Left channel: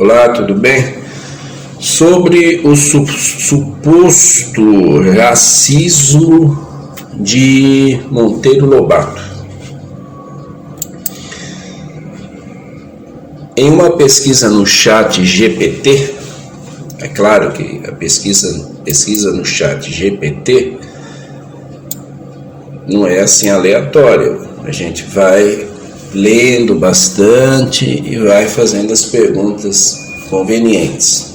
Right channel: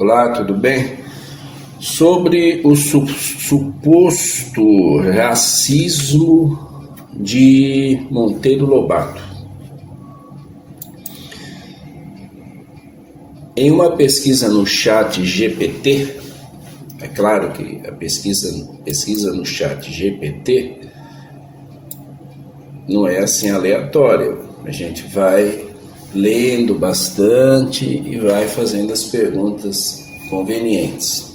Olá, tudo bem? Sobre o suposto racismo de Monteiro Lobato. Em uma pesquisa no chat GPT, é claro que a pesquisa no chat GPT não é assim aleatória, a gente vai lendo bastante e vai fazendo as perguntas convenientes.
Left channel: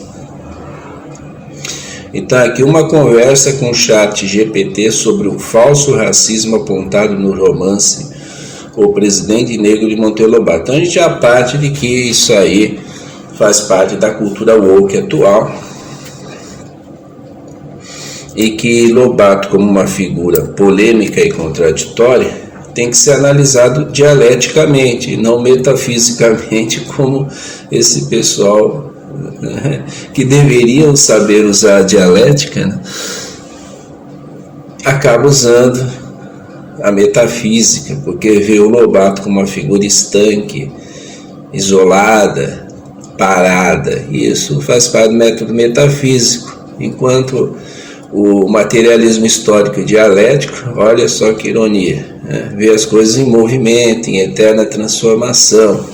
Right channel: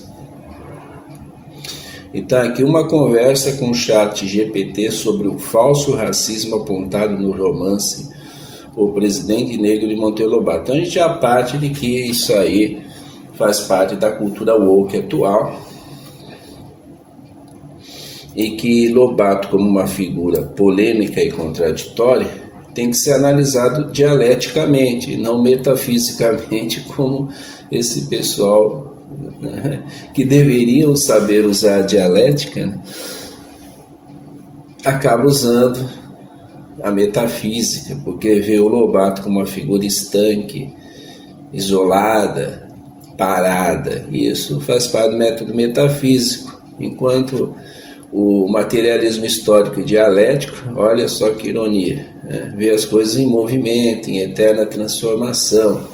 Então aqui uma conversa com o chat GPT sobre o falso racismo apontado no romance O Presidente Negro de Monteiro Lobato. Então a gente já parte de que isso aí faz parte da cultura woke atual e que Lobato, como uma figura polêmica e contraditória, tem que ser analisado dialeticamente e não metafisicamente, como esse pessoal, né, que deveriam saber usar a dialética, né, acaba usando a metafísica, porque vê o Lobato como uma figura estanque, isolada, parada, e isso faz parte do método metafísico, enquanto o materialismo histórico e dialético, olha só que ironia, né? Vê as coisas em movimento, em eterna transformação.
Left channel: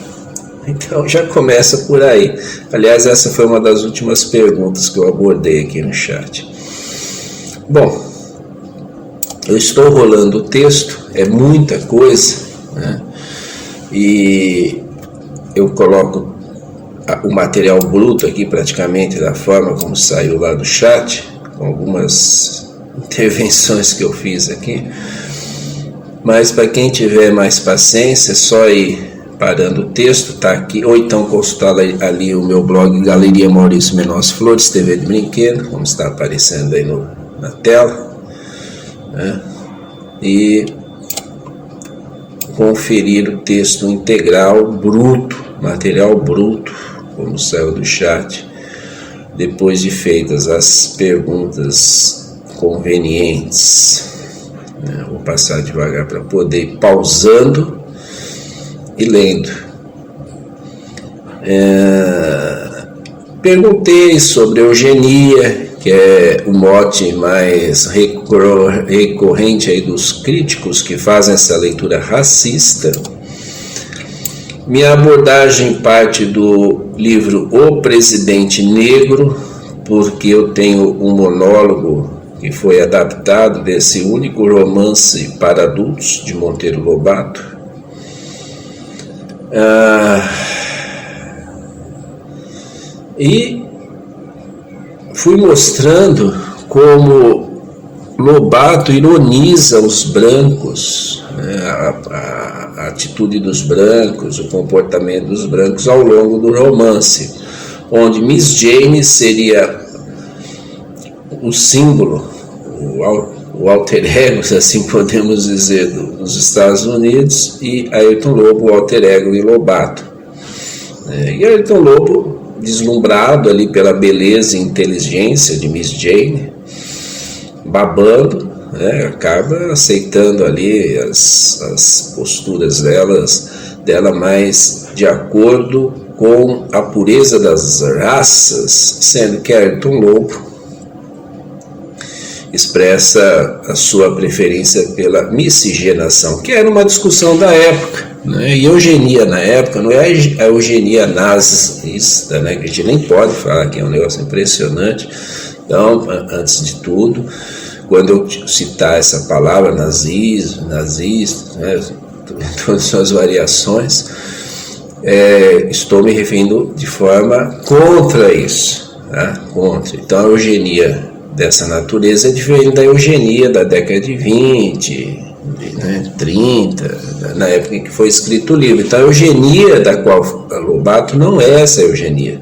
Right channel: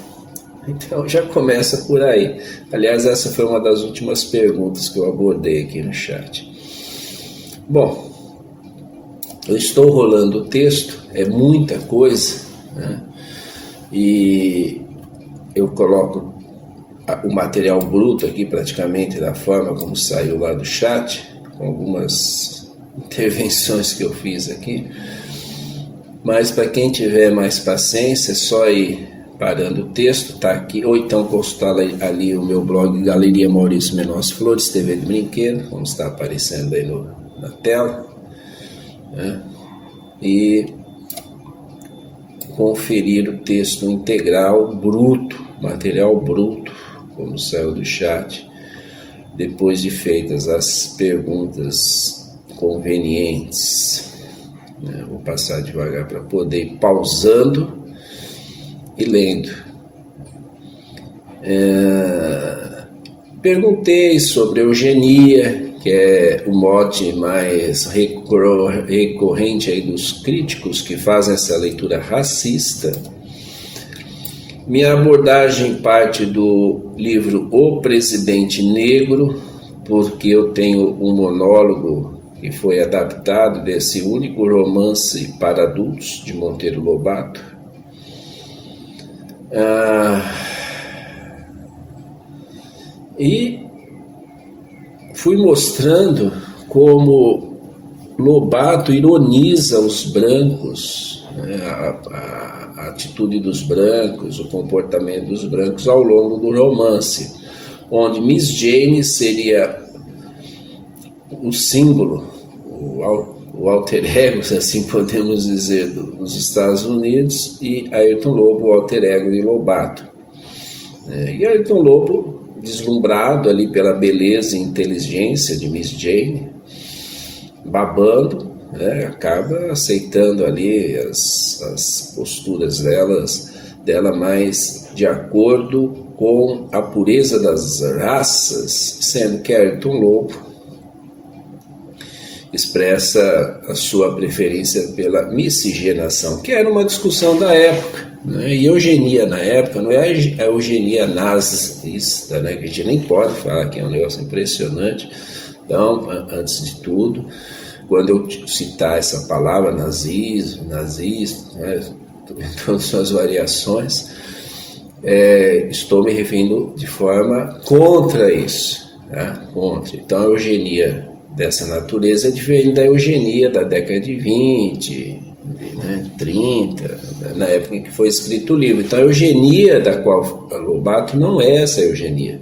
Então já começa por aí. Aliás, essa foi uma das últimas perguntas que eu abordei aqui no chat. Bom, eu estou rolando o texto, é muita coisa, né? E eu coloco o material bruto aqui praticamente da forma como saiu lá do chat, com algumas intervenções que eu fiz aqui, mas para quem tiver mais paciência, é só ir parando o texto, tá aqui, ou então consultar ali o meu blog Galeria Maurício Menotti Flores, TV de Brinquedo, como está aparecendo aí na tela, né? E conferir o texto integral, bruto, material bruto, como saiu do chat, depois de feitas as perguntas convenientes. Vou passar devagar para poder ir pausando e lendo. Perguntei sobre eugenia, que é o mote mais recorrente aí dos críticos que fazem essa leitura racista. Minha abordagem parte do livro O Presidente Negro, porque eu tenho um monólogo que foi adaptado desse único romance para adultos de Monteiro Lobato. E fui mostrando como Lobato ironiza os brancos, né, a atitude dos brancos, o comportamento dos brancos ao longo do romance, onde Miss Jane seria o símbolo, o alter ego, se assim podemos dizer, dos Estados Unidos, e Ayrton Lobo, o alter ego de Lobato. E Ayrton Lobo, deslumbrado ali pela beleza e inteligência de Miss Jane, babando, né, acaba aceitando ali as posturas dela mais de acordo com a pureza das raças, sendo que Ayrton Lobo expressa a sua preferência pela miscigenação, que era uma discussão da época, né? E eugenia na época não é a eugenia nazista, né? Que a gente nem pode falar que é um negócio impressionante. Então, antes de tudo, quando eu citar essa palavra nazismo, nazista, né, todas as suas variações, estou me referindo de forma contra isso, tá? Contra. Então a eugenia dessa natureza é diferente da eugenia da década de 20, né, 30, na época em que foi escrito o livro. Então a eugenia da qual a Lobato não é essa eugenia,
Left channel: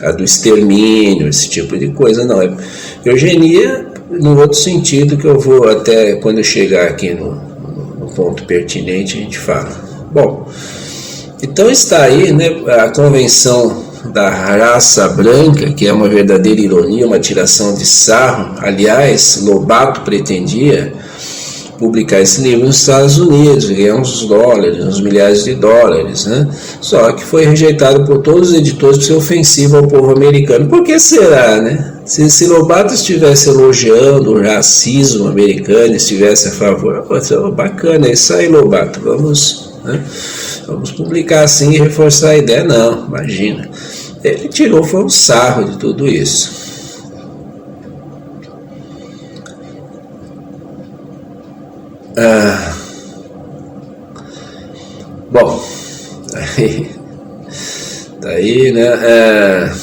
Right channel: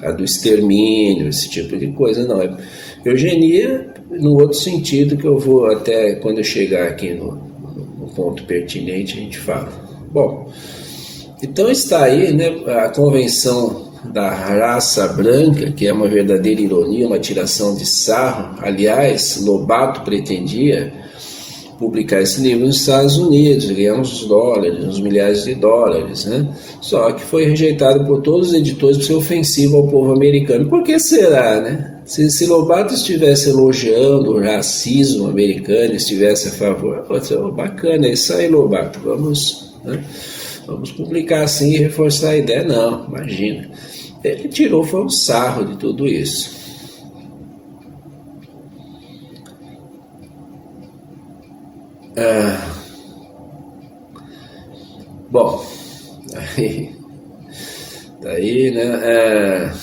a do extermínio, esse tipo de coisa, não é eugenia no outro sentido, que eu vou até quando eu chegar aqui no ponto pertinente a gente fala. Bom, então está aí, né, a convenção da raça branca, que é uma verdadeira ironia, uma tiração de sarro. Aliás, Lobato pretendia publicar esse livro nos Estados Unidos, ganhar uns dólares, uns milhares de dólares, né? Só que foi rejeitado por todos os editores por ser ofensivo ao povo americano. Por que será, né? Se Lobato estivesse elogiando o racismo americano, estivesse a favor, bacana, é isso aí, Lobato, vamos, né? Vamos publicar assim e reforçar a ideia. Não, imagina. Ele tirou, foi um sarro de tudo isso. Bom, daí, né?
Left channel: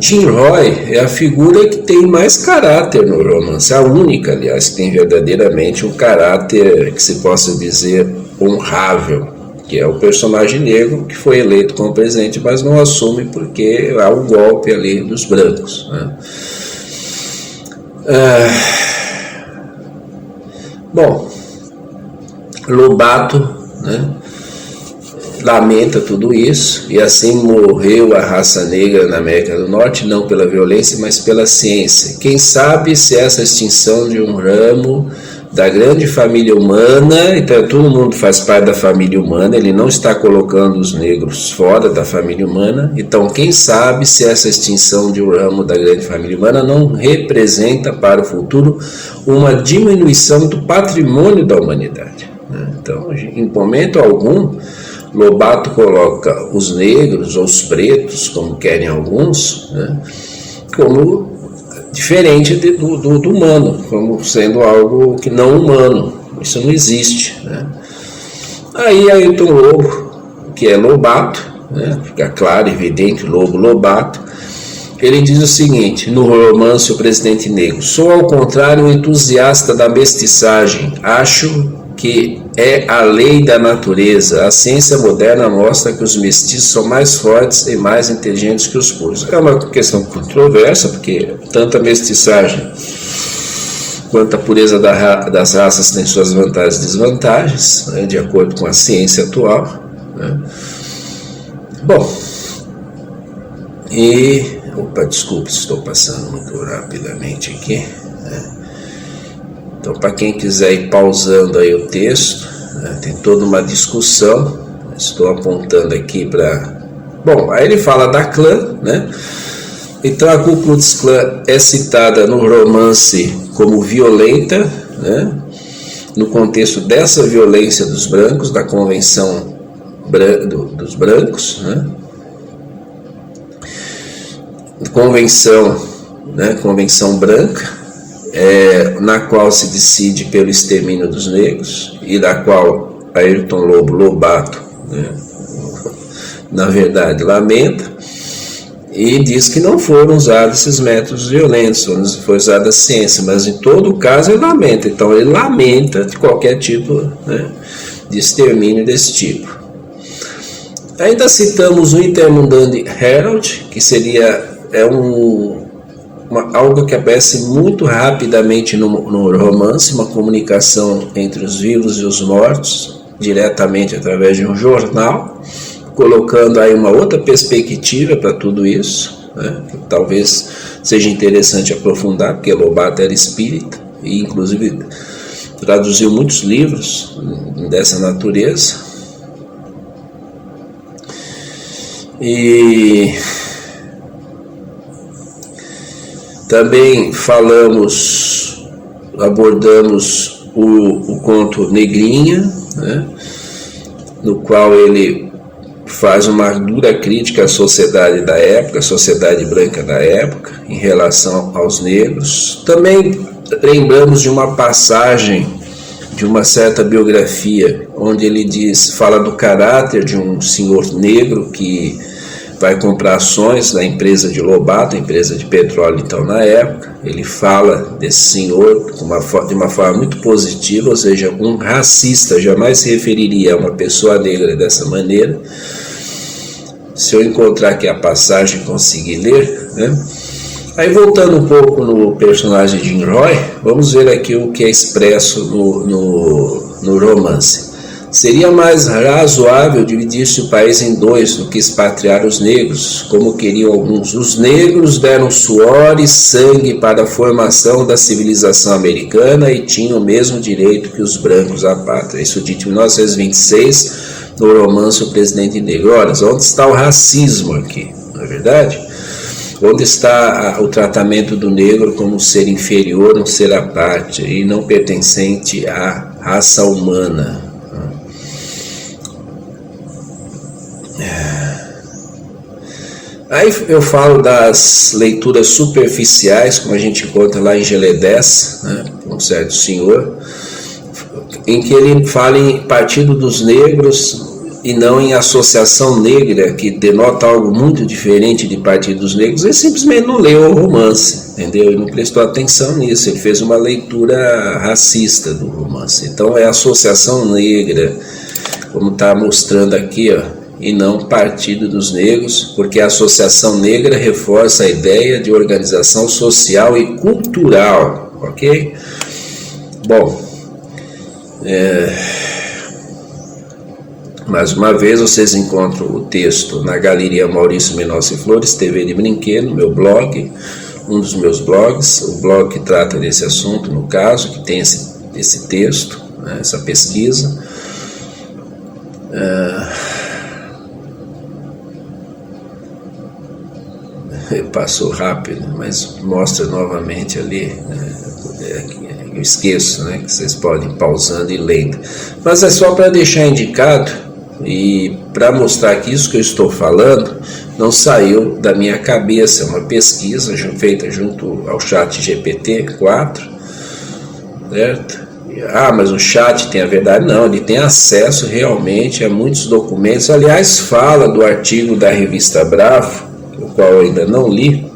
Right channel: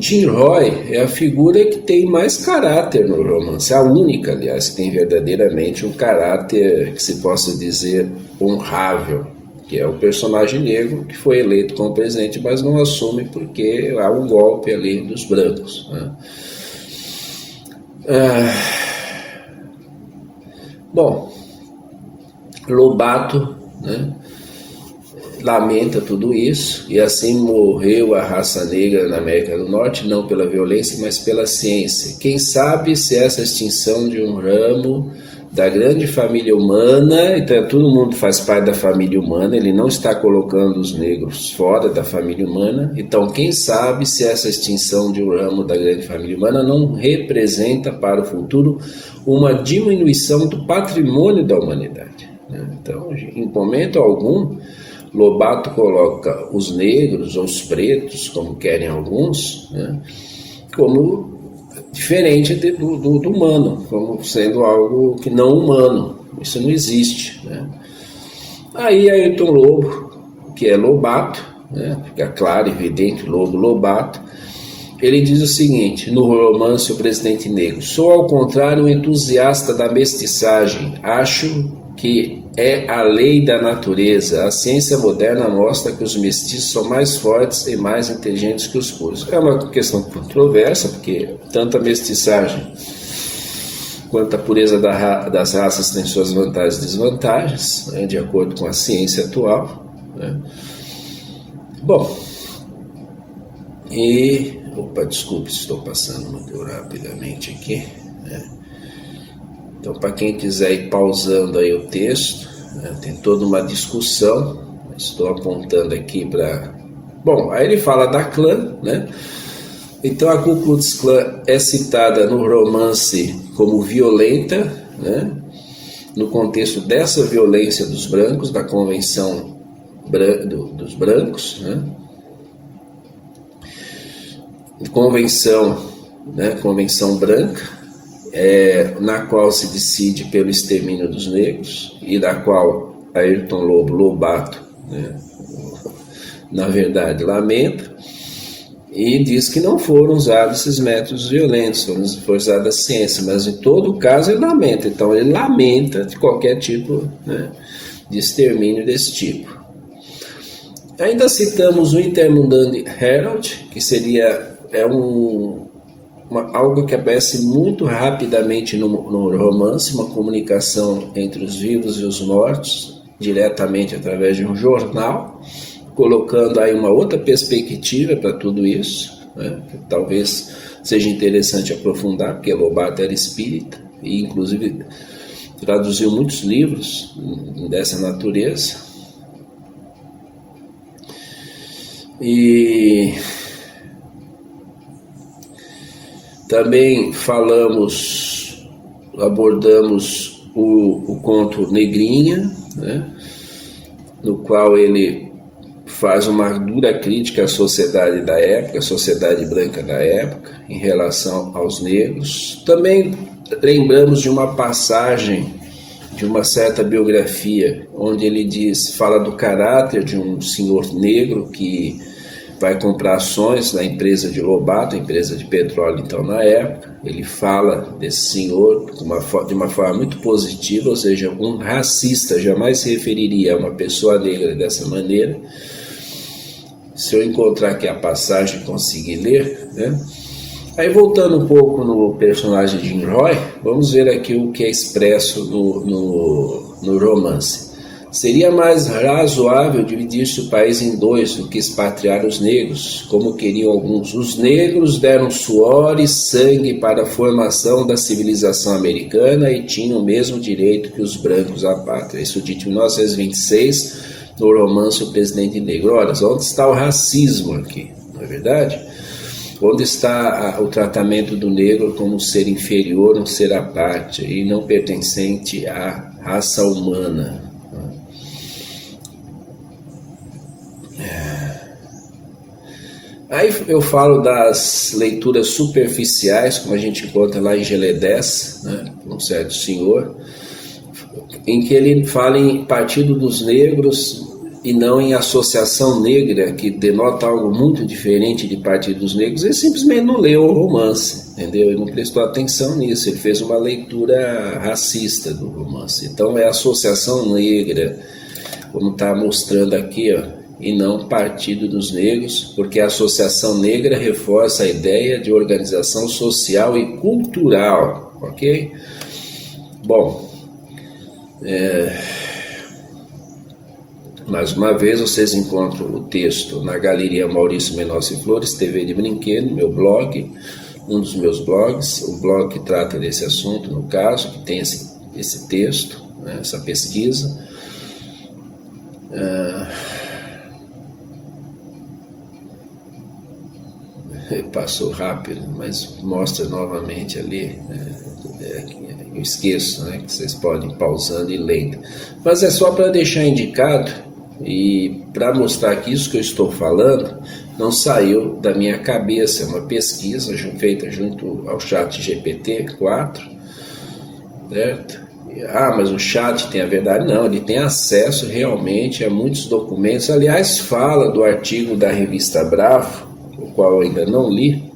Jim Roy é a figura que tem mais caráter no romance, a única, aliás, que tem verdadeiramente um caráter que se possa dizer honrável, que é o personagem negro que foi eleito como presidente, mas não assume porque há um golpe ali dos brancos, né? Bom, Lobato, né, lamenta tudo isso, e assim morreu a raça negra na América do Norte, não pela violência, mas pela ciência. Quem sabe se essa extinção de um ramo da grande família humana, então todo mundo faz parte da família humana, ele não está colocando os negros fora da família humana, então quem sabe se essa extinção de um ramo da grande família humana não representa para o futuro uma diminuição do patrimônio da humanidade, né? Então, em momento algum, Lobato coloca os negros ou os pretos, como querem alguns, né, como diferente do humano, como sendo algo que não humano. Isso não existe, né? Aí Ayrton Lobo, que é Lobato, né, fica claro, evidente, Lobato, ele diz o seguinte, no romance O Presidente Negro: sou ao contrário um entusiasta da mestiçagem, acho que é a lei da natureza. A ciência moderna mostra que os mestiços são mais fortes e mais inteligentes que os puros. É uma questão controversa, porque tanto a mestiçagem quanto a pureza das raças tem suas vantagens e desvantagens, né, de acordo com a ciência atual, né? Bom, e... Opa, desculpe, estou passando muito rapidamente aqui, né? Então, para quem quiser ir pausando aí o texto, né, tem toda uma discussão. Estou apontando aqui para... Bom, aí ele fala da clã, né? Então, a Ku Klux Klan é citada no romance como violenta, né? No contexto dessa violência dos brancos, da convenção dos brancos, né? Convenção, né? Convenção branca, na qual se decide pelo extermínio dos negros e da qual Ayrton Lobato, né, na verdade, lamenta e diz que não foram usados esses métodos violentos, foi usada a ciência, mas em todo caso ele lamenta. Então ele lamenta de qualquer tipo, né, de extermínio desse tipo. Ainda citamos o Intermundane Herald, que seria algo que aparece muito rapidamente no romance, uma comunicação entre os vivos e os mortos, diretamente através de um jornal, colocando aí uma outra perspectiva para tudo isso, né, que talvez seja interessante aprofundar, porque Lobato era espírita e inclusive traduziu muitos livros dessa natureza. E também abordamos o conto Negrinha, né, no qual ele faz uma dura crítica à sociedade da época, à sociedade branca da época, em relação aos negros. Também lembramos de uma passagem de uma certa biografia, onde ele fala do caráter de um senhor negro que vai comprar ações da empresa de Lobato, empresa de petróleo então na época. Ele fala desse senhor de uma forma muito positiva, ou seja, um racista jamais se referiria a uma pessoa negra dessa maneira. Se eu encontrar aqui a passagem e conseguir ler, né? Aí voltando um pouco no personagem de Jim Roy, vamos ver aqui o que é expresso no romance. Seria mais razoável dividir-se o país em dois do que expatriar os negros, como queriam alguns. Os negros deram suor e sangue para a formação da civilização americana e tinham o mesmo direito que os brancos à pátria. Isso dito em 1926, no romance O Presidente Negro. Ora, onde está o racismo aqui, não é verdade? Onde está o tratamento do negro como um ser inferior, um ser à parte e não pertencente à raça humana? Aí eu falo das leituras superficiais, como a gente encontra lá em Gelé 10, né, um certo senhor, em que ele fala em Partido dos Negros e não em Associação Negra, que denota algo muito diferente de Partido dos Negros. Ele simplesmente não leu o romance, entendeu? Ele não prestou atenção nisso, ele fez uma leitura racista do romance. Então é Associação Negra, como está mostrando aqui, ó, e não Partido dos Negros, porque a Associação Negra reforça a ideia de organização social e cultural, ok? Bom, mais uma vez vocês encontram o texto na Galeria Maurício Mendonça Flores, TV de Brinquedo, meu blog, um dos meus blogs, o blog que trata desse assunto, no caso, que tem esse texto, né, essa pesquisa. Passou rápido, mas mostra novamente ali, eu esqueço, né, que vocês podem ir pausando e lendo, mas é só para deixar indicado e para mostrar que isso que eu estou falando não saiu da minha cabeça, é uma pesquisa feita junto ao ChatGPT-4, certo? Mas o chat tem a verdade? Não, ele tem acesso realmente a muitos documentos, aliás fala do artigo da revista Bravo, o qual eu ainda não li,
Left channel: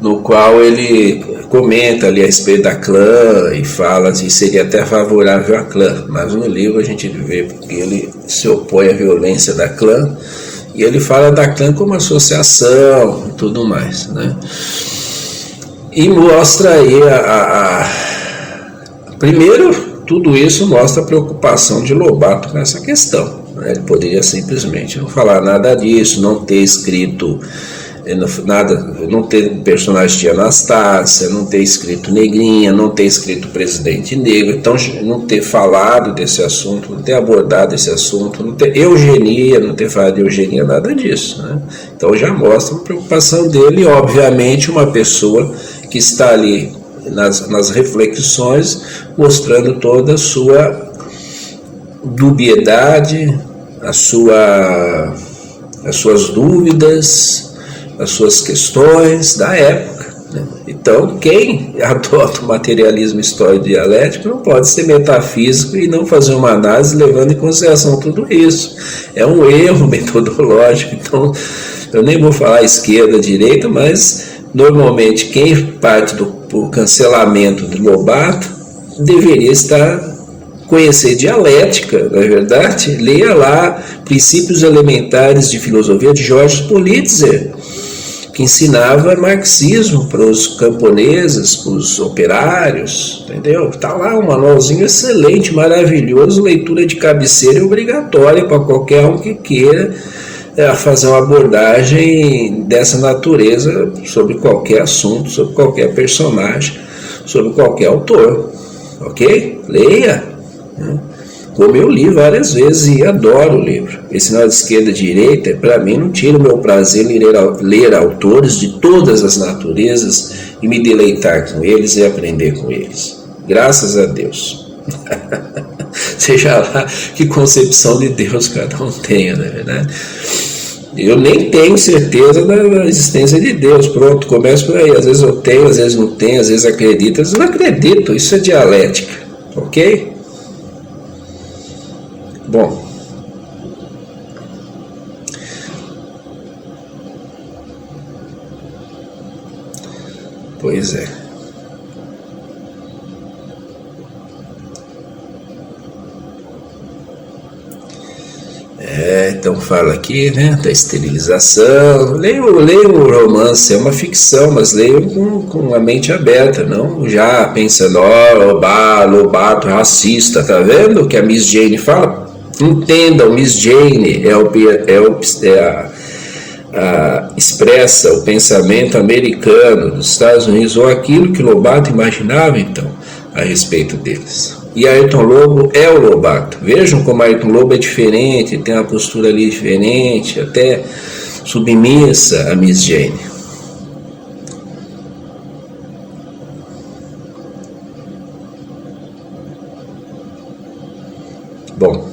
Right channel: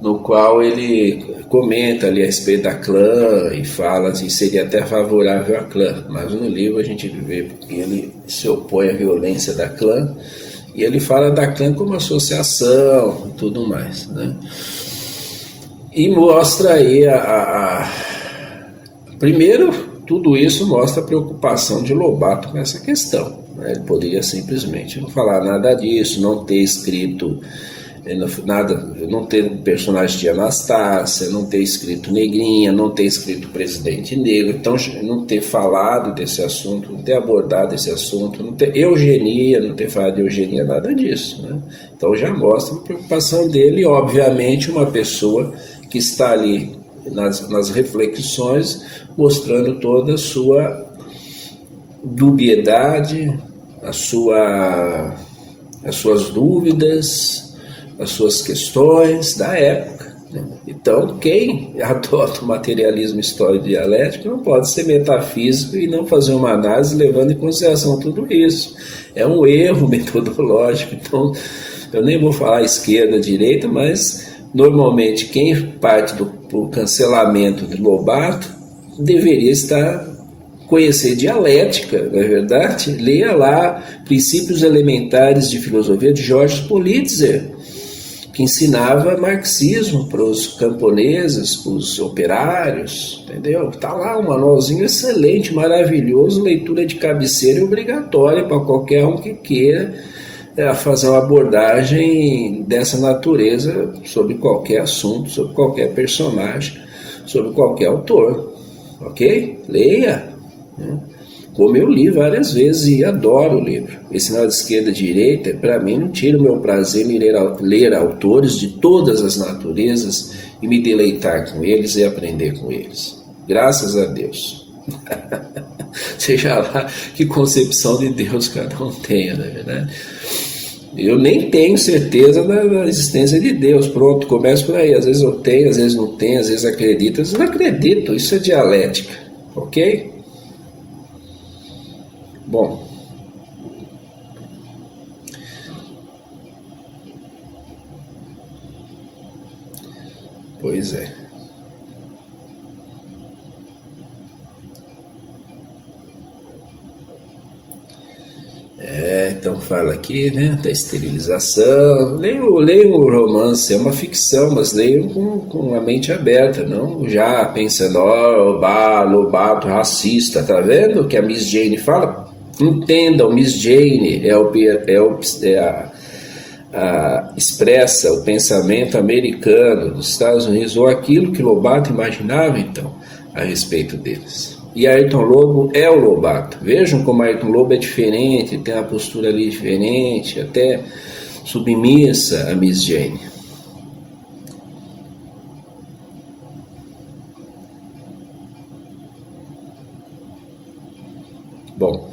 no qual ele comenta ali a respeito da clã e fala que seria até favorável à clã, mas no livro a gente vê porque ele se opõe à violência da clã e ele fala da clã como associação e tudo mais, né? E mostra aí primeiro, tudo isso mostra a preocupação de Lobato com essa questão. Ele poderia simplesmente não falar nada disso, não ter escrito nada, não ter personagem de Anastácia, não ter escrito Negrinha, não ter escrito Presidente Negro, então não ter falado desse assunto, não ter abordado esse assunto, não ter eugenia, não ter falado de eugenia, nada disso, né? Então já mostra a preocupação dele e obviamente uma pessoa que está ali nas reflexões mostrando toda a sua dubiedade, as suas dúvidas, as suas questões da época, né? Então, quem adota o materialismo histórico-dialético não pode ser metafísico e não fazer uma análise levando em consideração tudo isso. É um erro metodológico. Então, eu nem vou falar esquerda, direita, mas normalmente quem parte do cancelamento de Lobato deveria conhecer dialética, não é verdade? Leia lá Princípios Elementares de Filosofia de Georges Politzer, que ensinava marxismo para os camponeses, para os operários, entendeu? Está lá um manualzinho excelente, maravilhoso, leitura de cabeceira obrigatória para qualquer um que queira fazer uma abordagem dessa natureza sobre qualquer assunto, sobre qualquer personagem, sobre qualquer autor, ok? Leia, né? Como eu li várias vezes e adoro o livro. Esse sinal de esquerda e direita, para mim, não tira o meu prazer em ler autores de todas as naturezas e me deleitar com eles e aprender com eles. Graças a Deus. Seja lá que concepção de Deus cada um tenha, não é verdade? Eu nem tenho certeza da existência de Deus. Pronto, começo por aí. Às vezes eu tenho, às vezes não tenho, às vezes acredito, às vezes não acredito. Isso é dialética, ok? Bom, pois é. Então fala aqui, né, da esterilização. Leio o romance, é uma ficção, mas leio com a mente aberta, não já pensando, Lobato racista, tá vendo o que a Miss Jane fala? Entenda, o Miss Jane expressa o pensamento americano dos Estados Unidos, ou aquilo que Lobato imaginava, então, a respeito deles. E Ayrton Lobo é o Lobato. Vejam como Ayrton Lobo é diferente, tem uma postura ali diferente, até submissa a Miss Jane. Bom,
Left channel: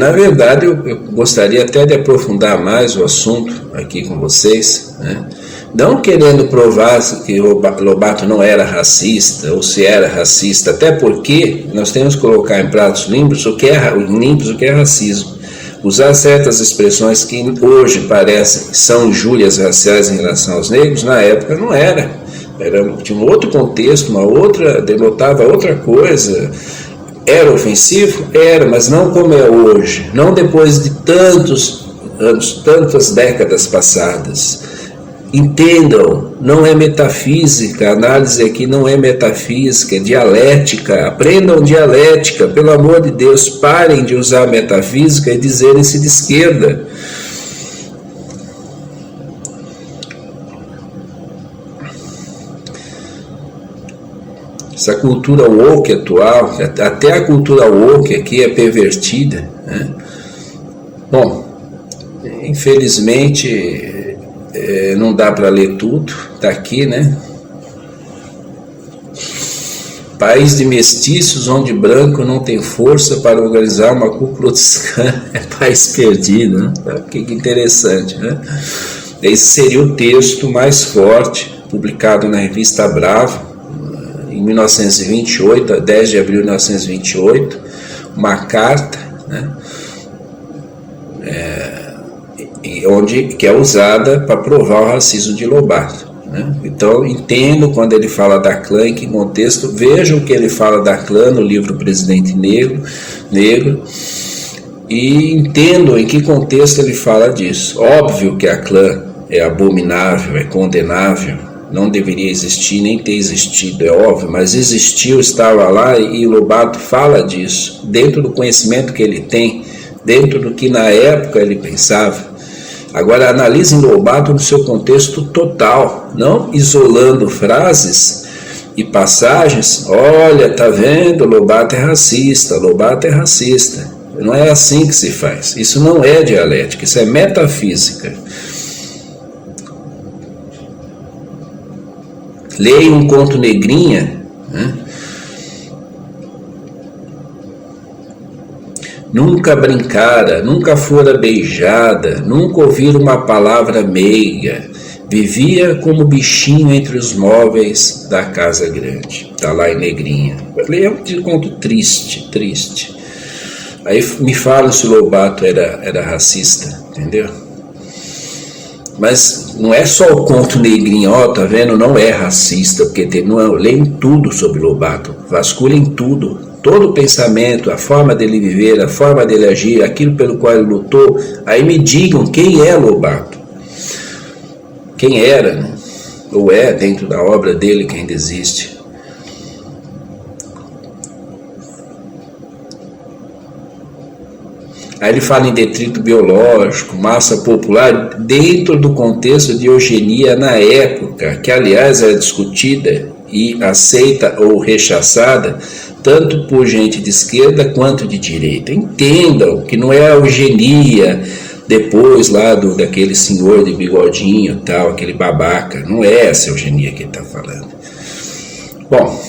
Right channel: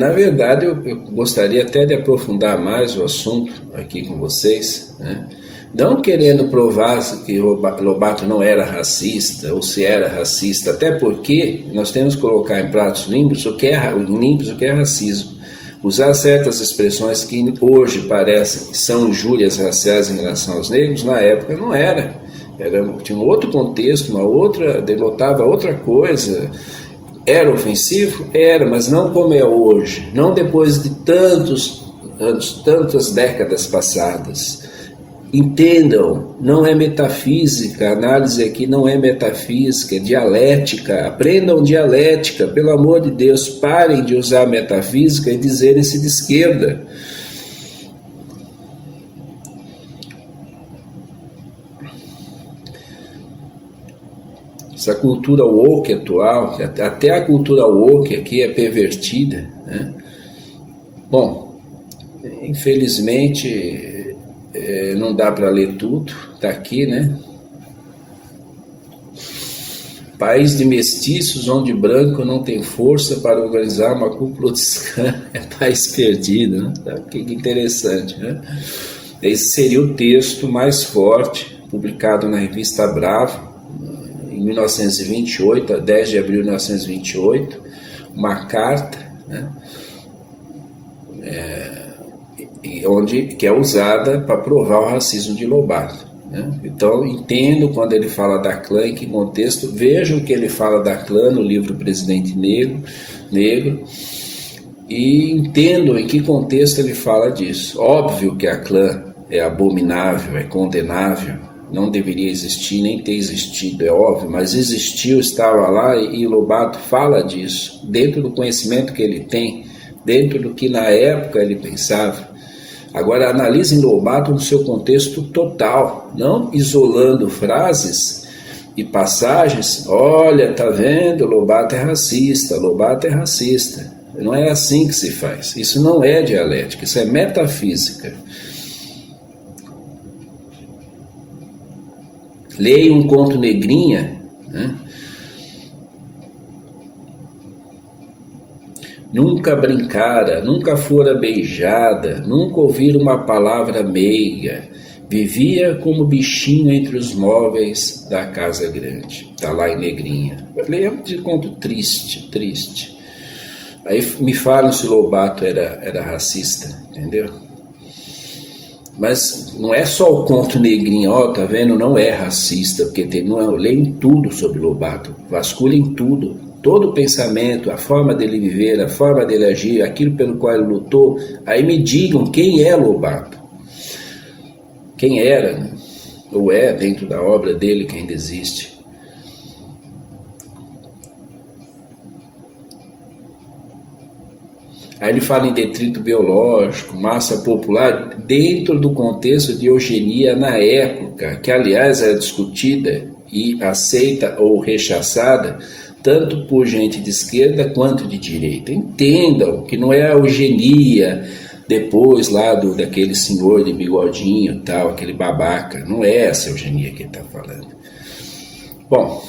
na verdade eu gostaria até de aprofundar mais o assunto aqui com vocês, né? Não querendo provar que Lobato não era racista, ou se era racista, até porque nós temos que colocar em pratos limpos o que é racismo. Usar certas expressões que hoje parecem que são injúrias raciais em relação aos negros, na época não era. Tinha um outro contexto, denotava outra coisa. Era ofensivo? Era, mas não como é hoje. Não depois de tantos anos, tantas décadas passadas. Entendam, não é metafísica, a análise aqui não é metafísica, é dialética. Aprendam dialética, pelo amor de Deus, parem de usar metafísica e dizerem-se de esquerda. Essa cultura woke atual, até a cultura woke aqui é pervertida, né? Bom, infelizmente não dá para ler tudo, está aqui, né? País de mestiços onde branco não tem força para organizar uma Ku Klux Klan, é país perdido, né? Que interessante, né? Esse seria o texto mais forte, publicado na revista Bravo, em 1928, a 10 de abril de 1928, uma carta, né? Que é usada para provar o racismo de Lobato, né? Então, entendo quando ele fala da clã, em que contexto. Vejam o que ele fala da clã no livro Presidente Negro, e entendam em que contexto ele fala disso. Óbvio que a clã é abominável, é condenável, não deveria existir, nem ter existido, é óbvio, mas existiu, estava lá, e Lobato fala disso, dentro do conhecimento que ele tem, dentro do que na época ele pensava. Agora, analisem Lobato no seu contexto total, não isolando frases e passagens. Olha, tá vendo? Lobato é racista, Lobato é racista. Não é assim que se faz. Isso não é dialética, isso é metafísica. Leia um conto Negrinha, né? Nunca brincara, nunca fora beijada, nunca ouvira uma palavra meiga, vivia como bichinho entre os móveis da casa grande. Está lá em Negrinha. É um conto triste. Aí me fala se o Lobato era racista, entendeu? Mas não é só o conto Negrinha, tá vendo? Não é racista, porque leem tudo sobre Lobato, vasculhem tudo. Todo o pensamento, a forma dele viver, a forma dele agir, aquilo pelo qual ele lutou, aí me digam quem é Lobato. Quem era, né? Ou é dentro da obra dele que ainda existe. Aí ele fala em detrito biológico, massa popular, dentro do contexto de eugenia na época, que aliás era discutida e aceita ou rechaçada tanto por gente de esquerda quanto de direita. Entendam que não é a eugenia depois lá daquele senhor de bigodinho tal, aquele babaca. Não é essa eugenia que ele está falando. Bom,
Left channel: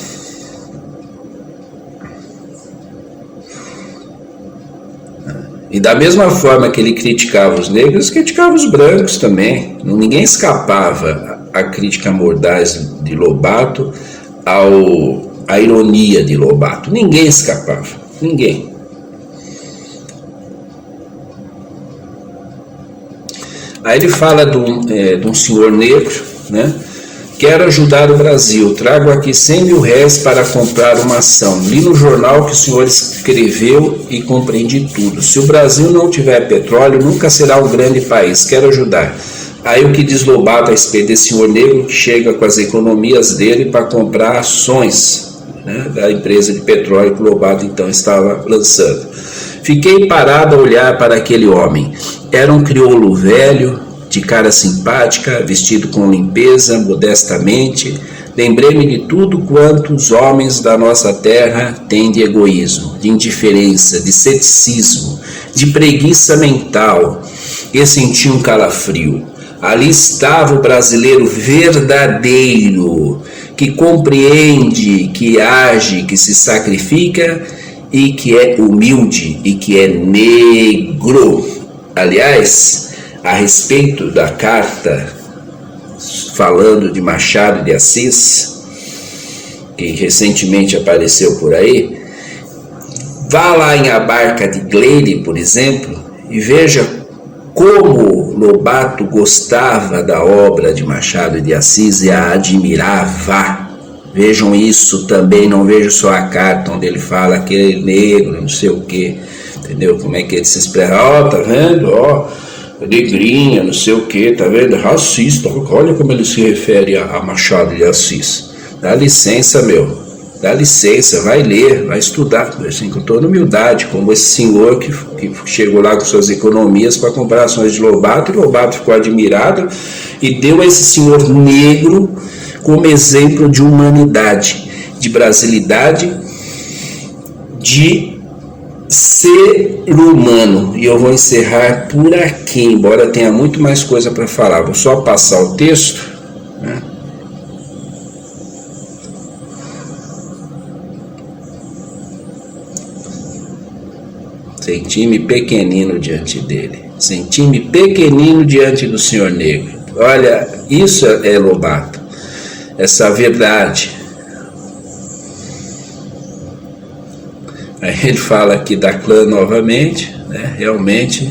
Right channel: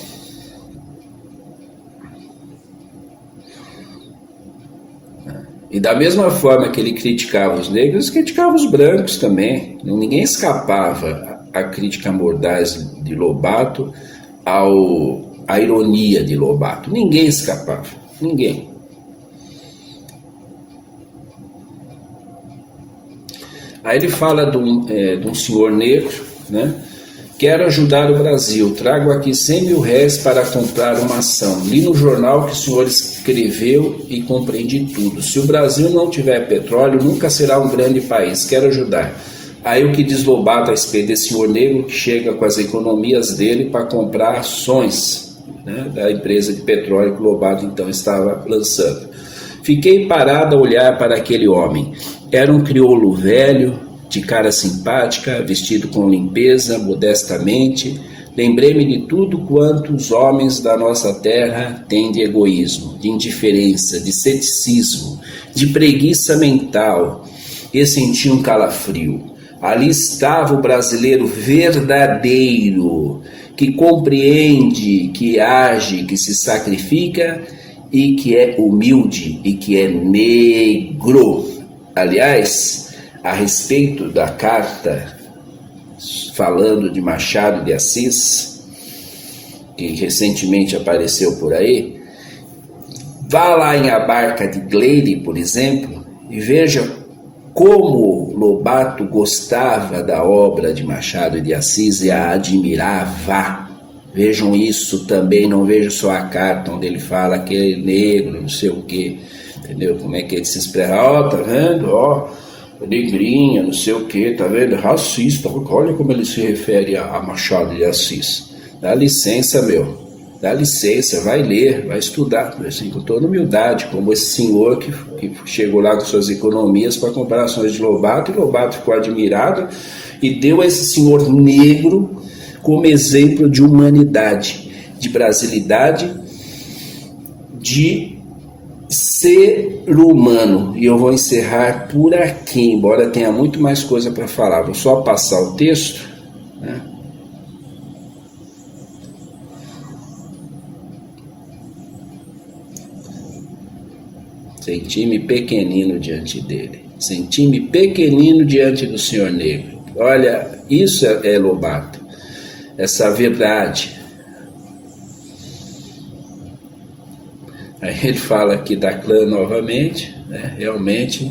e da mesma forma que ele criticava os negros, criticava os brancos também. Ninguém escapava à crítica mordaz de Lobato, a ironia de Lobato. Ninguém escapava, ninguém. Aí ele fala de um senhor negro, né, Quero ajudar o Brasil. Trago aqui R$100.000 para comprar uma ação. Li no jornal que o senhor escreveu e compreendi tudo. Se o Brasil não tiver petróleo, nunca será um grande país. Quero ajudar. Aí o que diz Lobato a respeito desse senhor negro que chega com as economias dele para comprar ações, né, da empresa de petróleo que o Lobato então estava lançando. Fiquei parado a olhar para aquele homem. Era um crioulo velho, de cara simpática, vestido com limpeza, modestamente. Lembrei-me de tudo quanto os homens da nossa terra têm de egoísmo, de indiferença, de ceticismo, de preguiça mental, e senti um calafrio. Ali estava o brasileiro verdadeiro, que compreende, que age, que se sacrifica e que é humilde e que é negro. Aliás, a respeito da carta falando de Machado de Assis, que recentemente apareceu por aí, vá lá em A Barca de Gleide, por exemplo, e veja como Lobato gostava da obra de Machado de Assis e a admirava. Vejam isso também, não vejo só a carta onde ele fala que ele é negro, não sei o que, entendeu? Como é que ele se expressa? Ó, tá vendo? Ó, negrinha, não sei o que, tá vendo? Racista, olha como ele se refere a Machado de Assis. Dá licença, meu, dá licença, vai ler, vai estudar, assim, com toda humildade, como esse senhor que chegou lá com suas economias para comprar ações de Lobato, e Lobato ficou admirado e deu esse senhor negro como exemplo de humanidade, de brasilidade, de ser humano. E eu vou encerrar por aqui, embora tenha muito mais coisa para falar. Vou só passar o texto, né? Senti-me pequenino diante dele. Senti-me pequenino diante do senhor negro. Olha, isso é Lobato. Essa verdade. Aí ele fala aqui da clã novamente, né? Realmente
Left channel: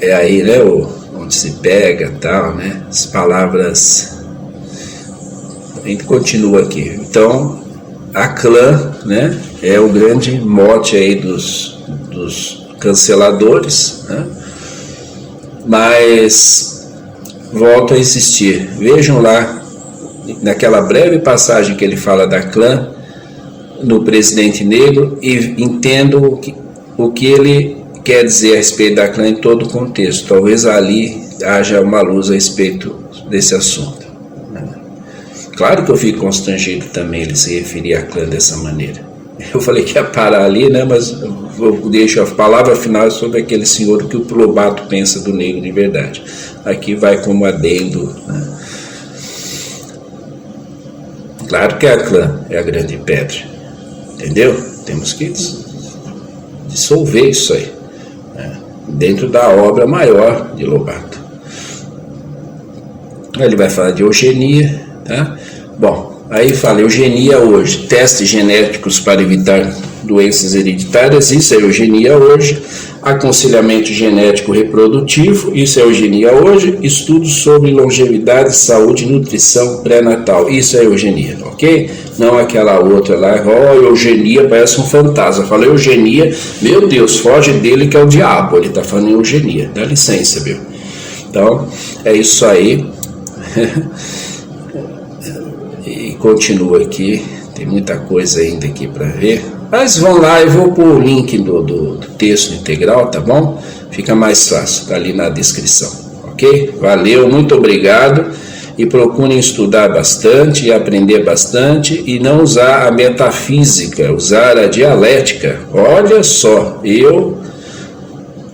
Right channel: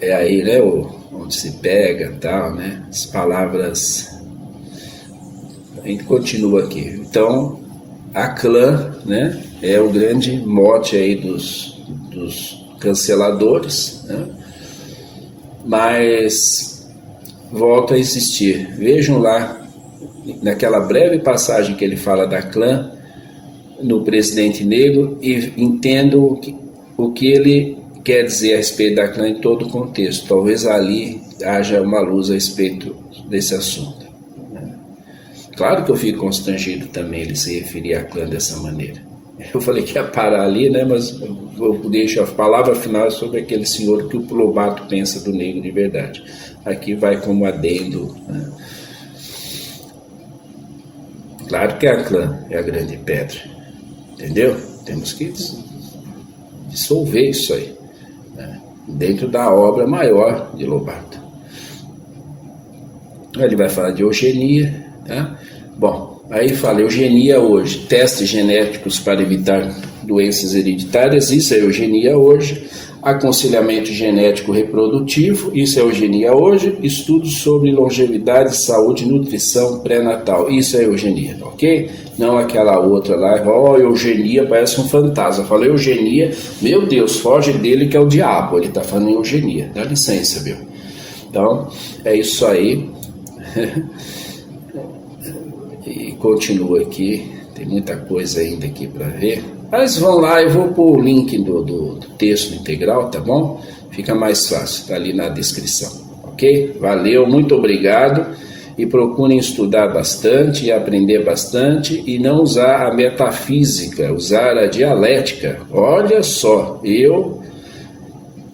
é aí, né, onde se pega, tal, né? As palavras. A gente continua aqui. Então, a clã, né, é o grande mote aí dos canceladores, né? Mas volta a existir. Vejam lá, naquela breve passagem que ele fala da clã, no presidente negro, e entendo o que ele quer dizer a respeito da clã em todo o contexto. Talvez ali haja uma luz a respeito desse assunto. Claro que eu fico constrangido também ele se referir à clã dessa maneira. Eu falei que ia parar ali, né? Mas eu deixo a palavra final sobre aquele senhor que o Lobato pensa do negro de verdade. Aqui vai como adendo, né? Claro que a clã é a grande pedra, entendeu? Temos que dissolver isso aí, né? Dentro da obra maior de Lobato. Ele vai falar de eugenia, tá? Bom, aí fala eugenia hoje, testes genéticos para evitar doenças hereditárias, isso é eugenia hoje. Aconselhamento genético reprodutivo, isso é eugenia hoje. Estudos sobre longevidade, saúde e nutrição pré-natal, isso é eugenia, ok? Não aquela outra lá, eugenia parece um fantasma. Fala eugenia, meu Deus, foge dele que é o diabo, ele tá falando eugenia, dá licença, viu? Então, é isso aí. E continua aqui, tem muita coisa ainda aqui para ver, mas vão lá, eu vou pôr o link do texto integral, tá bom? Fica mais fácil, tá ali na descrição, ok? Valeu, muito obrigado, e procurem estudar bastante e aprender bastante, e não usar a metafísica, usar a dialética. Olha só, eu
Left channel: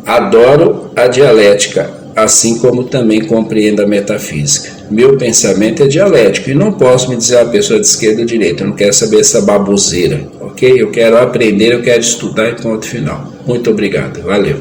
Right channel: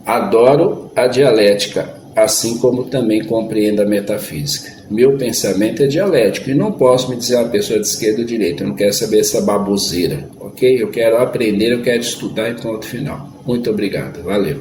adoro a dialética, assim como também compreendo a metafísica. Meu pensamento é dialético e não posso me dizer a pessoa de esquerda ou direita. Eu não quero saber essa baboseira, ok? Eu quero aprender, eu quero estudar e ponto final. Muito obrigado, valeu.